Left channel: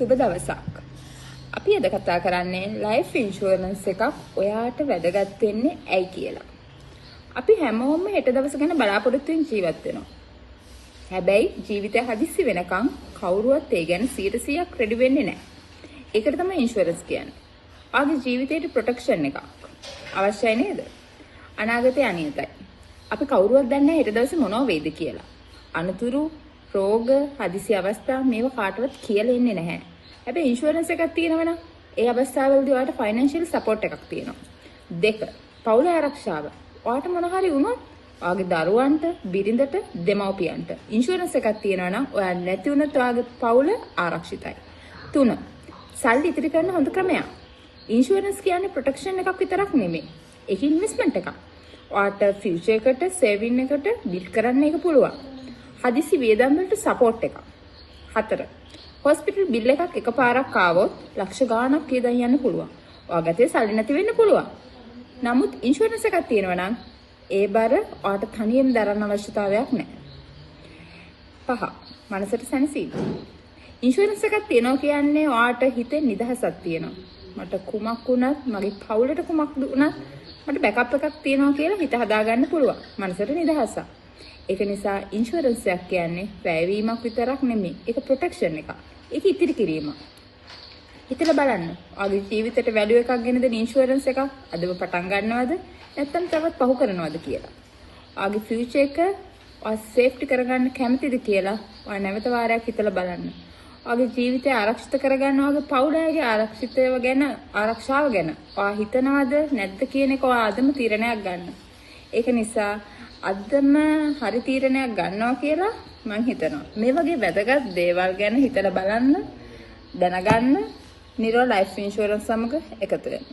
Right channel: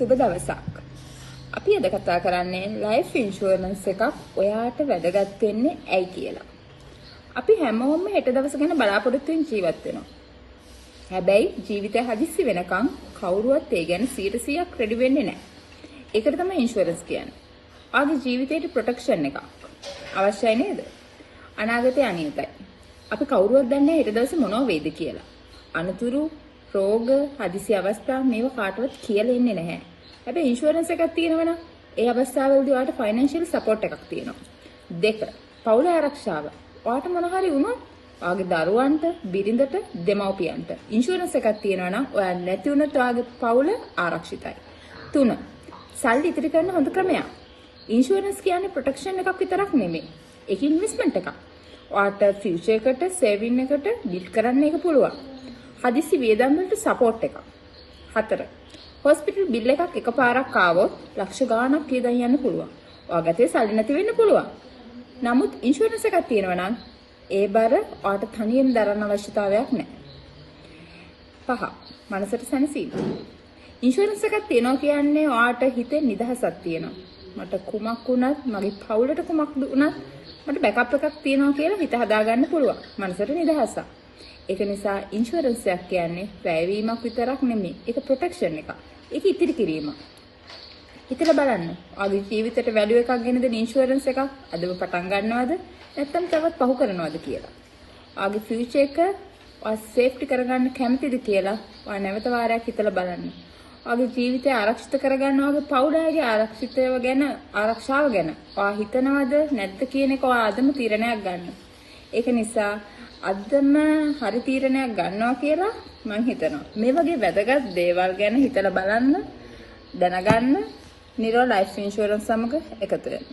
සුබ දවසක්. අපි අද කතා කරන්නේ ලයිෆ් ඉන්ෂුරන්ස් එකක් ඔයාට වැදගත් වෙන්නේ ඇයි කියලා. අපි හැමෝම හෙට දවස ගැන බලාපොරොත්තු වෙන ජීවත් වෙනවා. හැබැයි ජීවිතය හදිස්සි වෙනකම් කවුරුවත් ඒ ගැන 100% රෙඩි වෙන්නේ නැහැ. ඒකට තමයි ඉන්ෂුරන්ස් කියන්නේ. ආගේ ජීවිතේට ප්‍රොටෙක්ෂන් එකක් අවශ්‍යයි නේද? අනාගතය අනියතයි. අපි කවුරුවත් දන්නේ නැහැ හෙට දවසේ මොනව වෙයිද කියලා. අනතුරු රෝග හදිසි අවස්ථා මේවා කාටවත් කියලා ඉන්නේ නැහැ. හැබැයි ඉන්ෂුරන්ස් එකක් තියෙනවනම් ඒ අවස්ථාවවලදී ඔයාලට ෆයිනෑන්ෂියල් සපෝට් එකක් තියෙනවා. 2. පවුල ආරක්ෂාව. ඔයාලට මොන හරි වුණොත් ඔයාගේ දරුවන්ට, බිරිඳට, දෙමව්පියන්ට ඉන්ෂුරන්ස් එකක් තියෙනවනම් ඔයා නැති වුණොත් ඔයාගේ පවුල ආරක්ෂිතයි. 3. සල්ලි ඉතිරි කරන හොඳ ක්‍රමයක්. ඉන්ෂුරන්ස් කියන්නේ ප්‍රොටෙක්ෂන් එකක් විතරක් නෙමෙයි. ඒක ඉන්වෙස්ට්මන්ට් එකක්. ඔයාට ෆියුචර් එකට, සේවින් එකට බිල්ඩ් කරන්න එක පුළුවන්. හදිසි වියදම් වලට සපෝට් එකක්. 4. හොස්පිටල් බිල් එකක් එකපාරක් ආවොත් ලක්ෂ ගාණක් වියදම් යන්න පුළුවන්. ඔයාගතේ සල්ලි නැති වෙන්න පුළුවන්. නමුත් ඉන්ෂුරන්ස් එකක් තියෙනවා නම් ඒ බර ඔයාට තනියෙන් දරන්න අවශ්‍යතාවයක් නැහැ. 5. මනසට සැනසීම. ඉන්ෂුරන්ස් එකක් තියෙනවා කියන්නේ ඔයාට හිතේ නිදහසක් තියෙනවා. මට කුමක් වුණත්, මගේ පවුලට කුමක් වුණත් මට බෑකප් එකක් තියෙනවා කියලා හිත හදාගන්න පුළුවන්. මනසට නිදහසක්. ඒක නිසා ඉන්ෂුරන්ස් එකක් කියන්නේ වැයවීමක් විතරක් නෙමෙයි. ඒක ප්‍රොටෙක්ෂන් එකක්. ඒක ඉතිරි කිරීමක්. හිතලා බලන්න. ඔයාගේ ජීවිතේට වැලියු එකක් ගෙන දෙන ඉන්ෂුරන්ස් එකක් අදම පටන් ගන්නවද? නැත්නම් තවත් පහු කරනවද කියලා. ඔයාගේ ෆියුචර් එක ඔයා සේෆ්ටි කරගන්න කැමතිද කියලා ඔයා නැවත වාරයක් හිතලා බලන්න. ඔයාගේ ජීවිතය ආරක්ෂිත කරගන්න ඔයාගේ පවුලේ ආරක්ෂිතව ගැන, ආරක්ෂාව ගැන ඔයා හිතනවද නැද්ද කියන එක ඔයා අදම තීරණයක් ගන්න. ඒක නිසා අදම හරි තීරණයක් ගන්නවා කියලා මම හිතනවා. මේ වගේ වැදගත් දේවල් ගැන හිතලා බලන්න, දැනගන්න නිරෝ ලයිෆ් ඉන්ෂුරන්ස් සමග එකතු වෙන්න.